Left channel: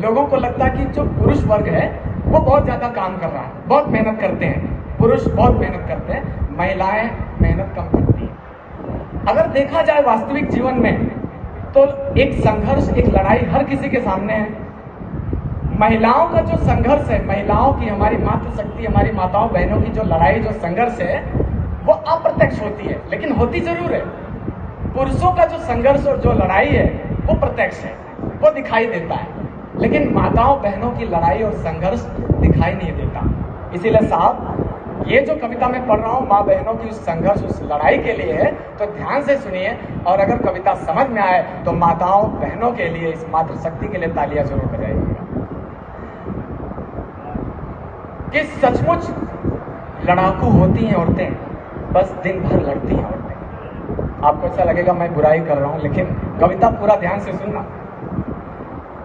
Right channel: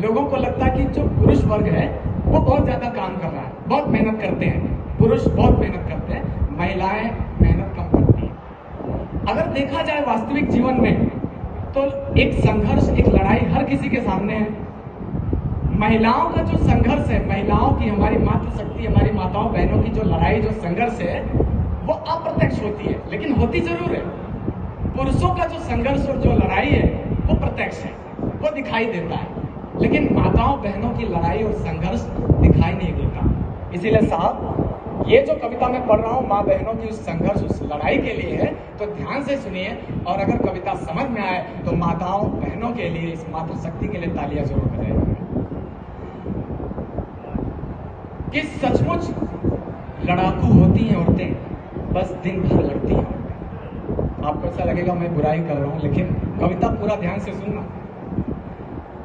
लोगों को लगता है कि जो पुरुष वर्ग है वो बहुत ज्यादा काम कर रहा है, बहुत मेहनत करते हैं, पुरुष बहुत मेहनत करते हैं, महिलाएं मेहनत कम करती हैं। अगर देखा जाए वास्तविक जीवन में तो एक संघर्ष, एक लड़ाई हर किसी के सामने है। महिलाओं का जो संघर्ष है, महिलाओं की, हमारी मातृशक्ति, हमारी माताओं बहनों की जो लड़ाई, जो संघर्ष है, वो अप्रत्यक्ष होती है, लेकिन होती जरूर है। पुरुषों का जो संघर्ष और जो लड़ाई है वो प्रत्यक्ष है, वो दिखाई देता है, लेकिन माताओं बहनों की लड़ाई और संघर्ष दिखाई नहीं देता। इसीलिए साहब, ये जो कविता मैं पढ़ रहा हूँ माँ बहनों की उस संघर्ष, उस लड़ाई के लिए है, तो ध्यान से सुनिए, और अगर कविता समझ में आए तो माताओं बहनों के लिए, इस मातृशक्ति के लिए तालियां जरूर बजाइएगा। कि सचमुच लड़ाकू होती हैं औरतें, बस दिन भर लड़ती हैं औरतें। आपको ऐसा लगेगा मैं बुराई कर रहा हूं, लेकिन कविता पूरा ध्यान से सुनना।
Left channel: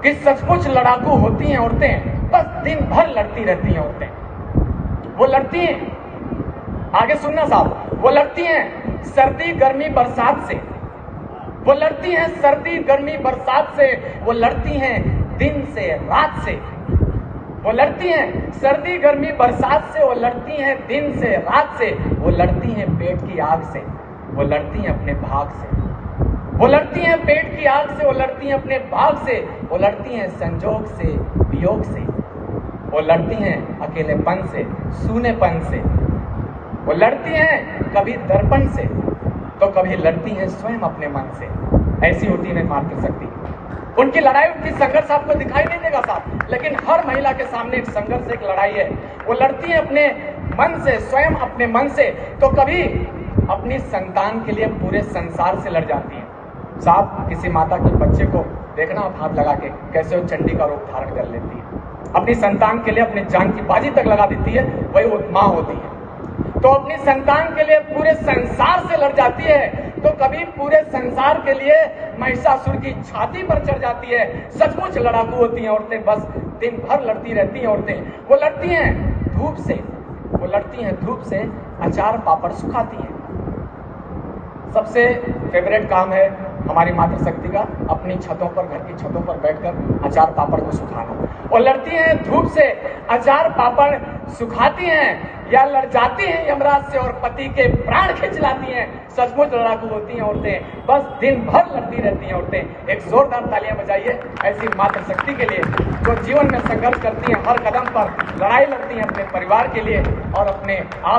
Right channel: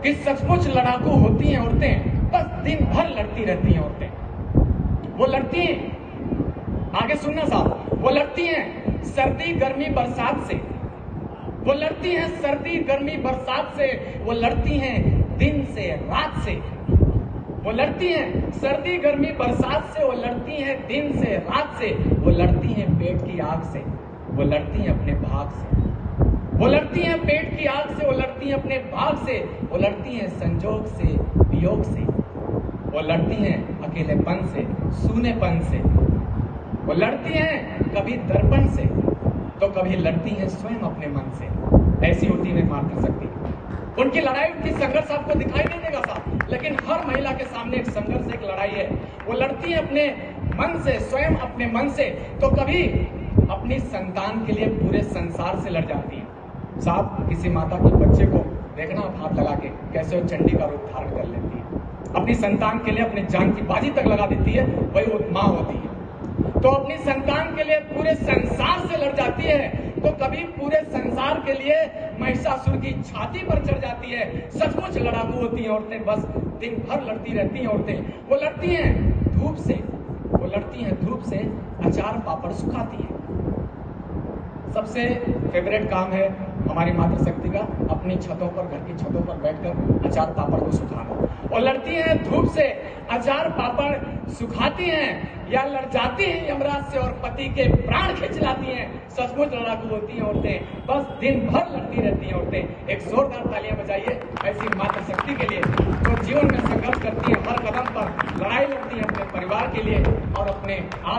कि सचमुच लड़ाकू होती हैं औरतें, बस दिन भर लड़ती रहती हैं औरतें। वो लड़ती हैं, आगे सुनना साहब, वो लड़ती हैं सर्दी गर्मी बरसात से, वो लड़ती हैं सर्दी गर्मी बरसात से, वो लड़ती हैं दिन से रात से, वो लड़ती हैं सर्दी गर्मी बरसात से, वो लड़ती हैं दिन से रात से, वो लड़ती हैं पेट की आग से, वो लड़ती हैं अपने भाग से, वो लड़ती हैं पेट की आग से, वो लड़ती हैं अपने भाग से, वो लड़ती हैं संजोग से, वियोग से, वो लड़ती हैं अकेलेपन से, सूनेपन से, वो लड़ती हैं कभी दर्पण से, तो कभी लड़ती हैं स्वयं अपने मन से। ऐसी होती है मातृशक्ति। उनकी लड़ाई, उनकी संघर्ष आपको दिखाई नहीं देगा साहब, लेकिन हर महिला के सामने एक संघर्ष, एक लड़ाई है। वो लड़ती है अपने मन से, स्वयं अपने मन से, तो कभी अपनी संतान के लिए पूरे संसार से लड़ जाती है। साहब, किसी माता के बच्चे को देखना आप हाथ लगा के, कैसे वो चंडी का रूप धारण कर लेती है, अपनी संतान के लिए अपनी जान की बाजी तक लगा देती है, वही वो माँ होती है। तो अपनी संतान के लिए पूरे संसार से लड़ जाती है, तो कभी पूरे संसार के लिए महिषासुर की छाती पर चढ़ जाती है। सचमुच लड़ाकू होती हैं औरतें, बस दिन भर लड़ती रहती हैं औरतें। वो लड़ती हैं धूप से, वो लड़ती हैं धूप से, अचार पापड़ सुखाती हैं। सबसे फेवरेट काम है हमारी मातृशक्ति का, अपनी छतों पर, घर की छतों पर बैठकर अचार पापड़ को सुखाना। वो लड़ती हैं धूप से, अचार पापड़ सुखाती हैं, या लड़ जाती हैं यमराज से और पति के प्राण खींच लाती हैं। सचमुच लड़ाकू होती हैं औरतें, बस दिन भर लड़ती रहती हैं औरतें। एक जोरदार तालियां बजाइए ऐसी मातृशक्ति के लिए, जो जीवन में संघर्ष करती हैं, हर कदम पर लड़ाई लड़ती हैं अपने परिवार के लिए और अपने आप